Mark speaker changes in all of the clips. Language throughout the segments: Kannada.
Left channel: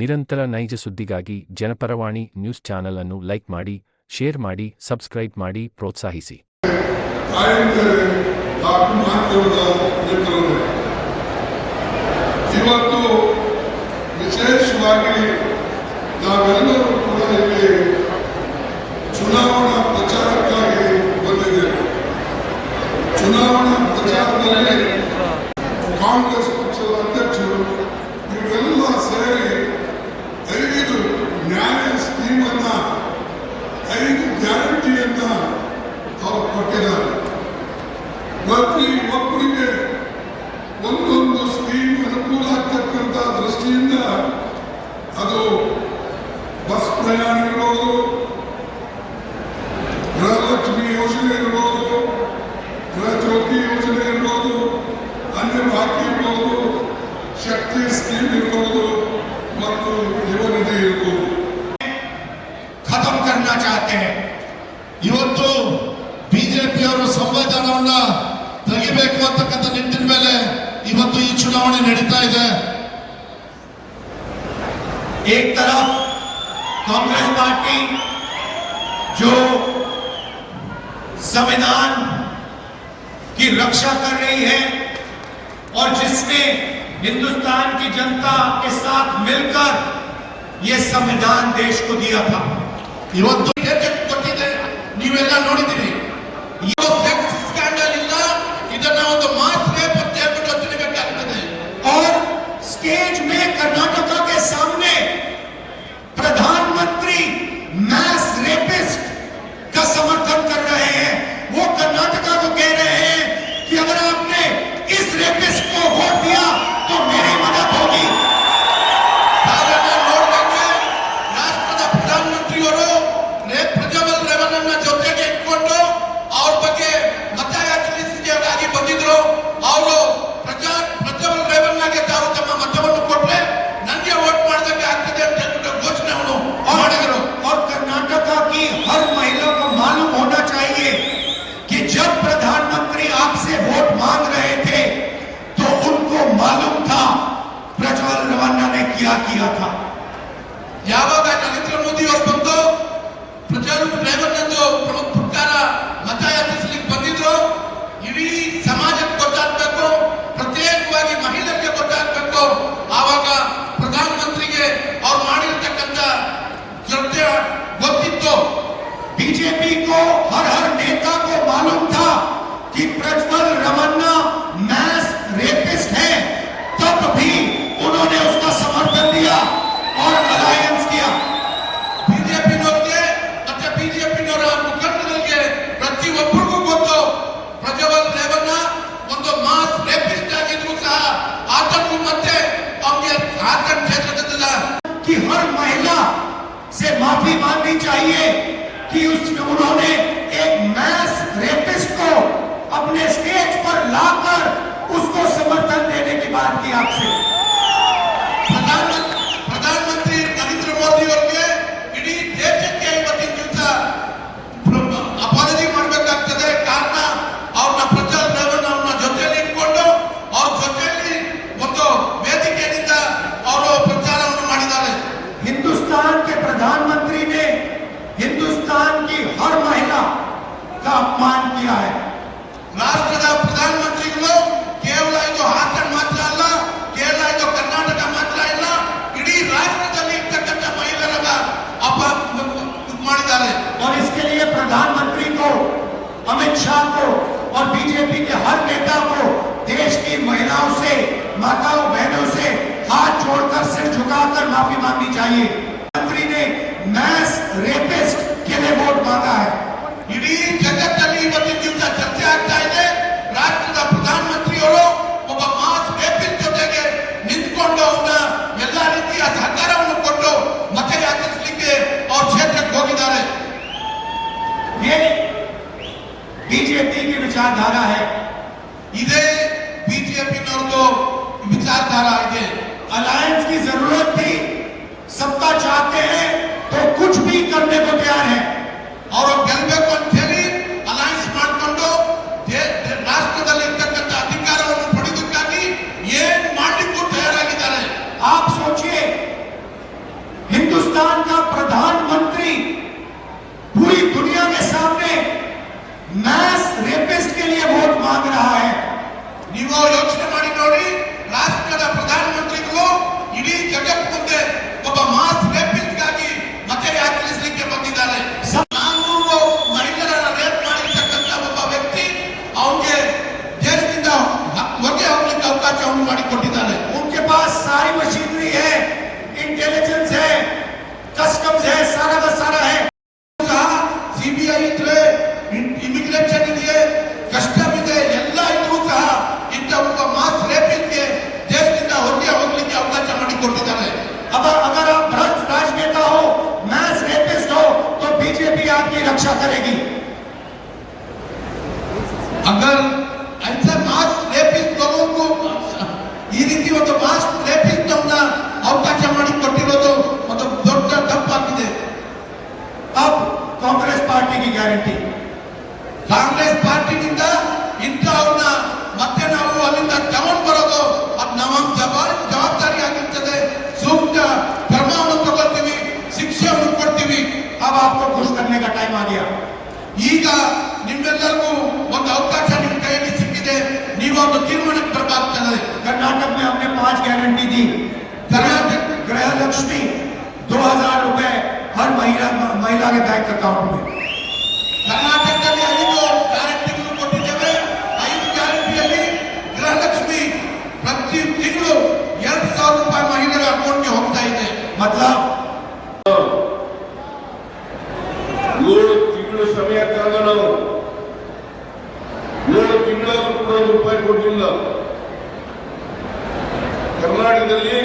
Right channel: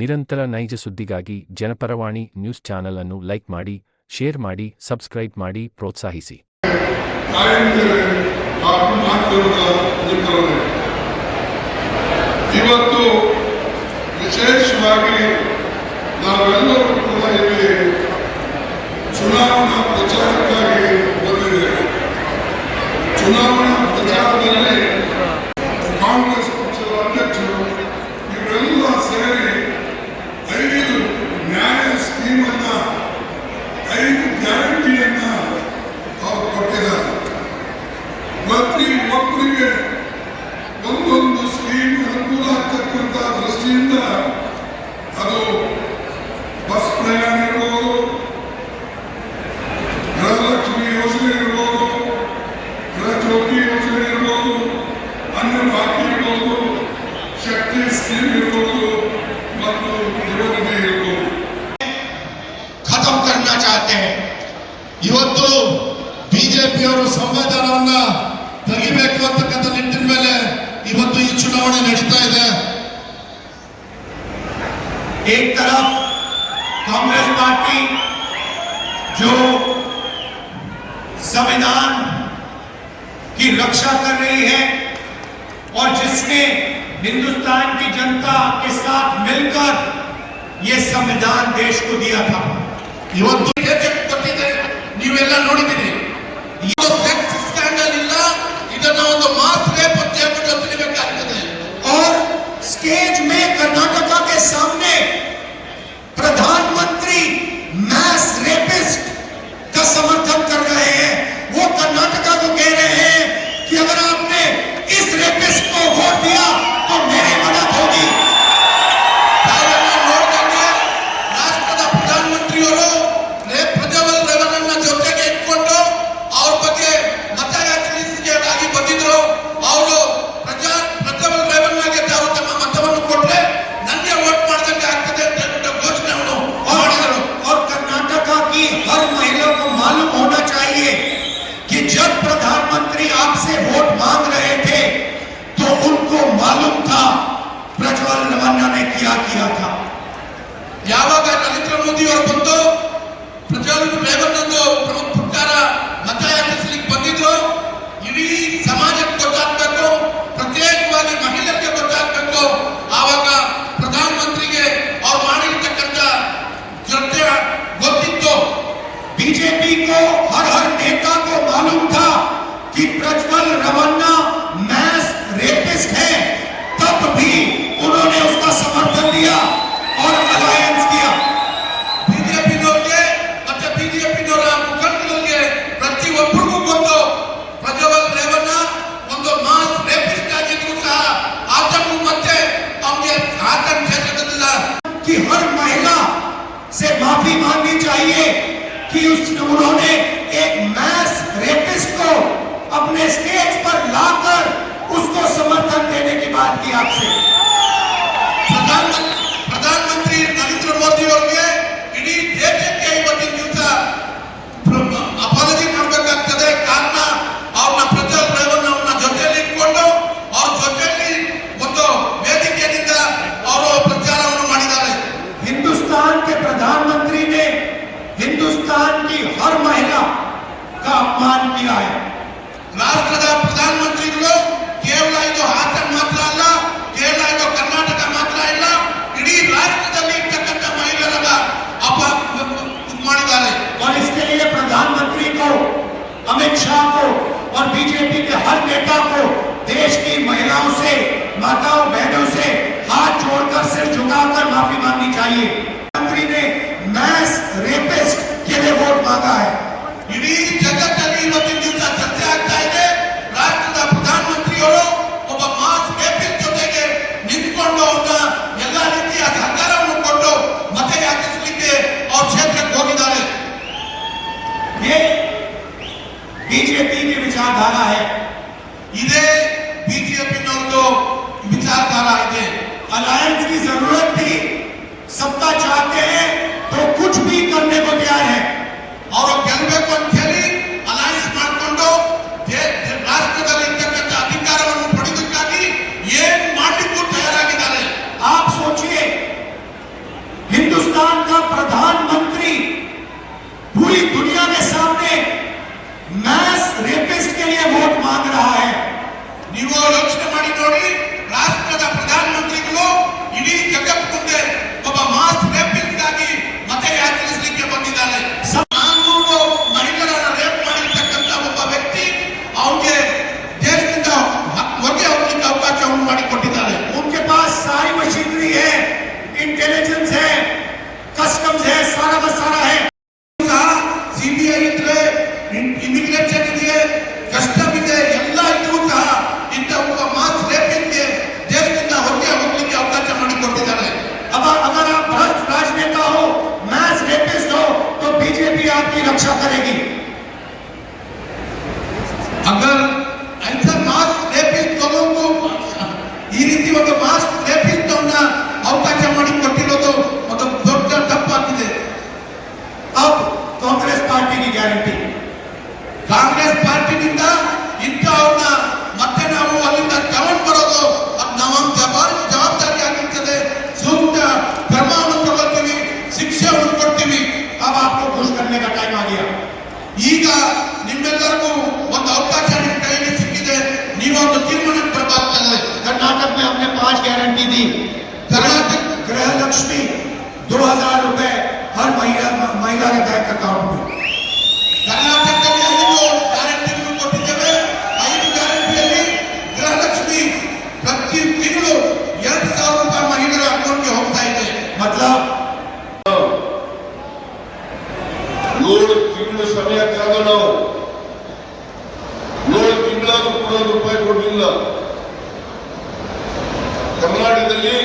Speaker 1: ನಿರಂತರ ನೈಜ ಸುದ್ದಿಗಾಗಿ ಜನಪರವಾಣಿ ನ್ಯೂಸ್ ಚಾನೆಲ್ ಅನ್ನು ಲೈಕ್ ಮಾಡಿ, ಶೇರ್ ಮಾಡಿ, ಸಬ್ಸ್ಕ್ರೈಬ್ ಮಾಡಿ ಪ್ರೋತ್ಸಾಹಿಸಿ.
Speaker 2: ಇವತ್ತು ವಿಶೇಷವಾಗಿ ನಾವೆಲ್ಲರೂ ಬಸ್ ಪ್ರಯಾಣ ಇರ್ಬೋದು ಗೃಹಲಕ್ಷ್ಮಿ ಯೋಜನೆ ಇರ್ಬೋದು ಗೃಹ ಜ್ಯೋತಿ ಯೋಜನೆ ಇರ್ಬೋದು ಅನ್ನ ಬಾಕಿ ಇರ್ಬೋದು ಶಕ್ತಿ ಸ್ಕೀಮ್ ಇರ್ಬೋದು ಮತ್ತು ಯುವ ನಿಧಿ ಇರ್ಬೋದು
Speaker 3: ಖತಮ್ करना चाहते हैं ಇವತ್ತು ಬಿಜೆಪಿಯವರು ಸಂವಿಧಾನವನ್ನ ತೆಗಿಬೇಕು ಅಂತಕ್ಕಂಥ ನಿಟ್ಟಿನ ಮೇಲೆ ಇವತ್ತು ಈ ಚುನಾವಣೆ ನಡೀತಾ ಇದೆ
Speaker 4: एक तरफ कांग्रेस पार्टी जो संविधान की रक्षा कर रही है और जिसने हिंदुस्तान की जनता के साथ मिलकर ये संविधान देश को दिया था
Speaker 3: ಇವತ್ತು ಹೇಗೆ ಕೊಟ್ಟಿದೆ ನೀವೆಲ್ಲ ನೋಡಿದ್ದೀರಿ
Speaker 4: मालूम होना चाहिए कि जब प्रधानमंत्री आपसे वोट मांग रहे थे तो उनको मालूम था प्रज्वल रवन्ना ने क्या किया था
Speaker 3: ಯಾವಾಗ ನರೇಂದ್ರ ಮೋದಿ ಅವರು ಬಂದು ಪ್ರಜ್ವಲ್ ರೇವಣ್ಣಂದು ಪ್ರ- ಪ್ರಕಾರ
Speaker 4: स्टेज पर लाकर उसको समर्थन देने की बात की आपसे। प्रधानमंत्री हर नेता को देश की महिलाओं से, माताओं, बहनों से हाथ जोड़कर, सिर झुकाकर माफ़ी मांगनी चाहिए। मंत्री ने मैस रेपिस्ट के लिए वोट मांगा है। विचारधारा
Speaker 3: आगे
Speaker 4: अलायंस की ज़रूरत थी सत्ता चाहते हैं तो कुछ भी करने को तैयार है।
Speaker 3: और गलबे को आप सोचिए, हिंदुस्तान का प्रधानमंत्री पूरी दुनिया के सामने मैस
Speaker 4: रेपिस्ट के लिए वोट मांग रहा है।
Speaker 3: ನೀವು ರಾಷ್ಟ್ರದ
Speaker 4: आपकी रक्षा करेगी।
Speaker 3: ಈಗ ನಿಮ್ಮೆಲ್ಲರಿಗೂ ಒಂದು ಅವಕಾಶ ನಿಮ್ಮ ಕೈಯಲ್ಲಿ ಸಿಕ್ಕಿದೆ ನೀವೊಂದು ತೀರ್ಮಾನಕ್ಕೆ ಬರಬೇಕಾಗ್ತದೆ
Speaker 4: कर्नाटक में हमने पांच गारंटी दी
Speaker 3: ಕರ್ನಾಟಕ
Speaker 4: गृह लक्ष्मी दो हजार रुपए हर महिला महिला के बैंक अकाउंट में
Speaker 3: ಕರ್ನಾಟಕದಲ್ಲಿ ಐದು ಗ್ಯಾರಂಟಿಗಳು ಕೊಟ್ಟಿದ್ದೇವೆ ಐದು ಗ್ಯಾರಂಟಿಯಲ್ಲಿ ಗೃಹಲಕ್ಷ್ಮಿ ಪ್ರತಿ ತಿಂಗಳು ಎರಡು ಸಾವಿರ ರೂಪಾಯಿ ಮಹಿಳೆಯರ ಅಕೌಂಟ್ಗೆ ಹೋಗ್ತಾ ಇದೆ
Speaker 4: मतलब
Speaker 5: ಏಳು ತಿಂಗಳು ಸಮಯ ಕಾದ ನಾವು. ನೂರು ತಿಂಗಳಾದ್ರೂ ಕೂಡ ರೂಪಾಯಿ ಕೊಡಲಿಲ್ಲ ಕರ್ನಾಟಕದಲ್ಲಿ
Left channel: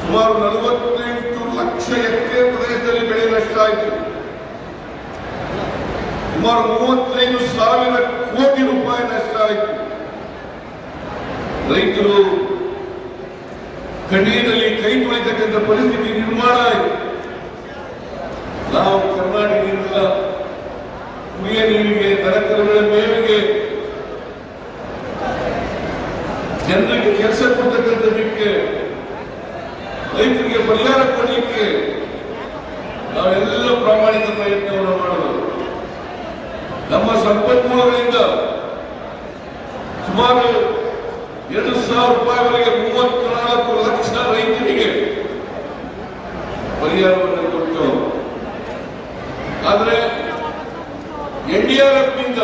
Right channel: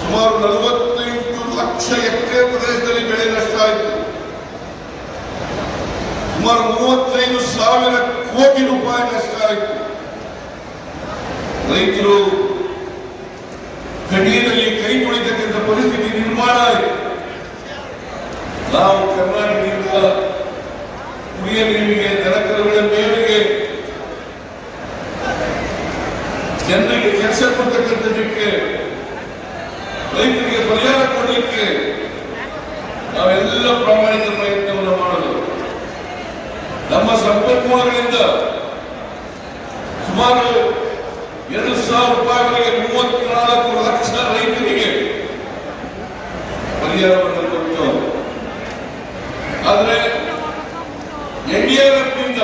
Speaker 5: ಸುಮಾರು ನಲವತ್ತೆಂಟು ಲಕ್ಷ ಹೆಕ್ಟೇರ್ ಪ್ರದೇಶದಲ್ಲಿ ಬೆಳೆ ನಷ್ಟ ಆಯಿತು. ಸುಮಾರು ಮೂವತ್ತೈದು ಸಾವಿರ ಕೋಟಿ ರೂಪಾಯಿ ನಷ್ಟ ಆಯಿತು. ರೈತರು ಕಡಿಯದಲ್ಲಿ ಕೈ ತೊಳಿತಕ್ಕಂಥ ಪರಿಸ್ಥಿತಿ ನಿರ್ಮಾಣ ಆಯಿತು. ನಾವು ಕರ್ನಾಟಕದಿಂದ ಕುಡಿಯ ನೀರಿಗೆ ದನಕರುಗಳ ಮೇವಿಗೆ. ಜನರಿಗೆ ಕೆಲಸ ಕೊಡ್ತಕ್ಕಂಥದಕ್ಕೆ ರೈತರಿಗೆ ಪರಿಹಾರ ಕೊಡಲಿಕ್ಕೆ ನಾವೆಲ್ಲ ಪ್ರಾಮಾಣಿಕ ಪ್ರಯತ್ನವನ್ನು ಮಾಡೋದು. ನಮ್ಮ ಸಂಪನ್ಮೂಲಗಳಿಂದ ಸುಮಾರು ಎರಡು ಸಾವಿರ ರೂಪಾಯಿವರೆಗೆ ಮೂವತ್ನಾಲ್ಕು ಲಕ್ಷ ರೈತರಿಗೆ ಪರಿಹಾರವನ್ನು ಕೊಟ್ಟು ಆದರೆ ಎನ್ಡಿಆರ್ಎಫ್ನಿಂದ.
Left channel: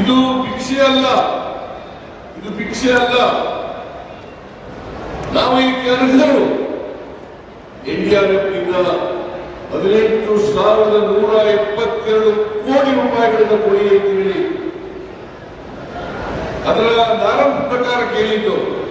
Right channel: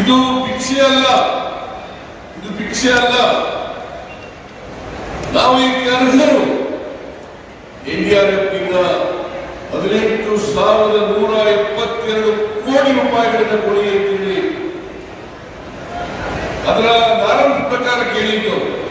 Speaker 5: ಇದು ಭಿಕ್ಷೆ ಅಲ್ಲ. ಇದು ಭಿಕ್ಷೆ ಅಲ್ಲ. ನಾವು ಈಗ ಅರ್ಹರು. ಎನ್ಡಿಆರ್ಎಫ್ನಿಂದ ಹದಿನೆಂಟು ಸಾವಿರದ ನೂರ ಎಪ್ಪತ್ತೆರಡು ಕೋಟಿ ರೂಪಾಯಿಗಳಿಂದ ಕೊಡಿ ಅಂತ ಹೇಳಿ. ಅದರ ನಾರಾಯಣ ಪ್ರಕಾರ ಕೇಳಿದ್ದು.